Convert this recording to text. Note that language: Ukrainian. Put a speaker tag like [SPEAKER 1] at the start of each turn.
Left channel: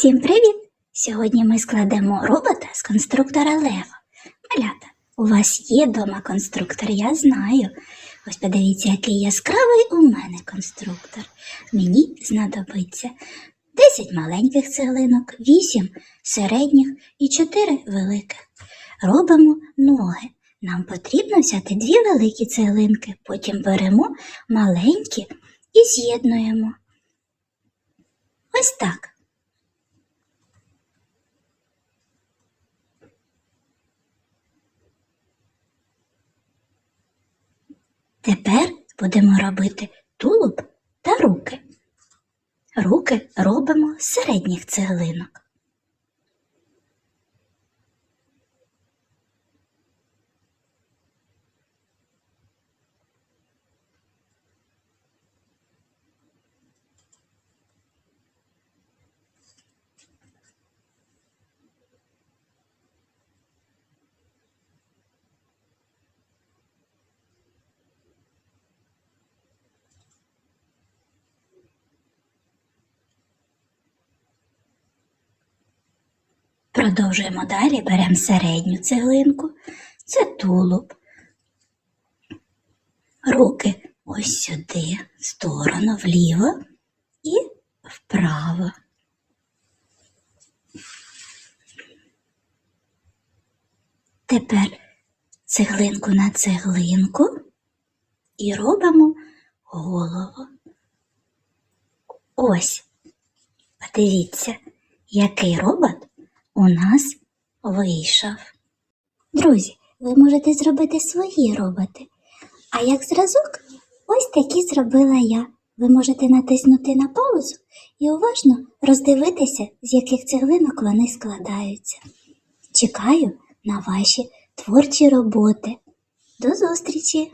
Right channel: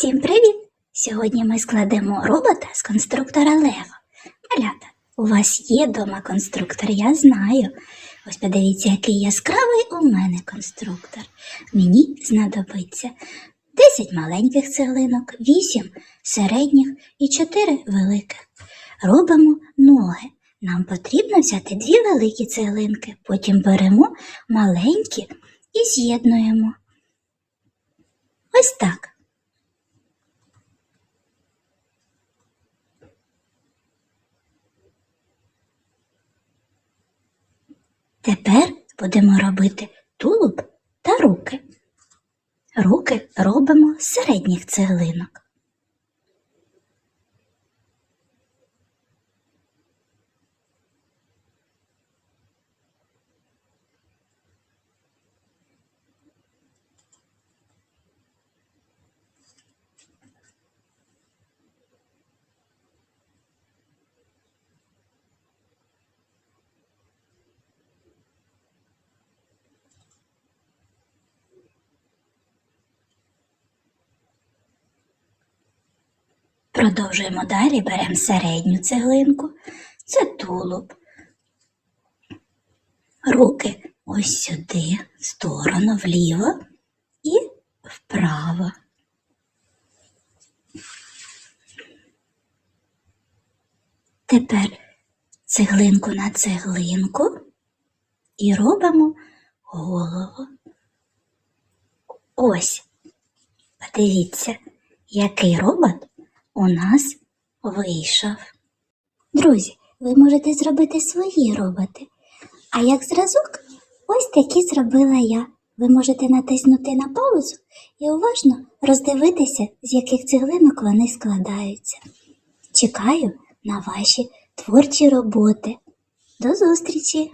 [SPEAKER 1] Усім привіт! Сьогодні ми складемо робота з конструктора Лего. Малята, у вас є дома конструктор, я знаю. Ось подивіться, який яскравий у мене конструктор. Мені знадобиться 10 маленьких цеглинок, 8 середніх і 4 великих. Робимо ноги. Нам потрібно взяти дві великі цеглинки, потім беремо маленькі і з'єднуємо. Ось так. Тепер будемо робити тулуб та руки. Руки робимо з середніх цеглинок. Продовжуємо далі, беремо середню цеглинку, це тулуб. Руки ось сюди, в сторону, вліво і вправо. Тепер цеглинку на цеглинку і робимо голову. Ось, подивіться, який робот у нас вийшов. Друзі, ви можете зробити свої роботи. А як зразок, ось такі зробила я. Ви можете натиснути на паузу і уважно роздивитися, з яких цеглинок вони складаються. Чекаю на ваші творчі роботи. До зустрічі!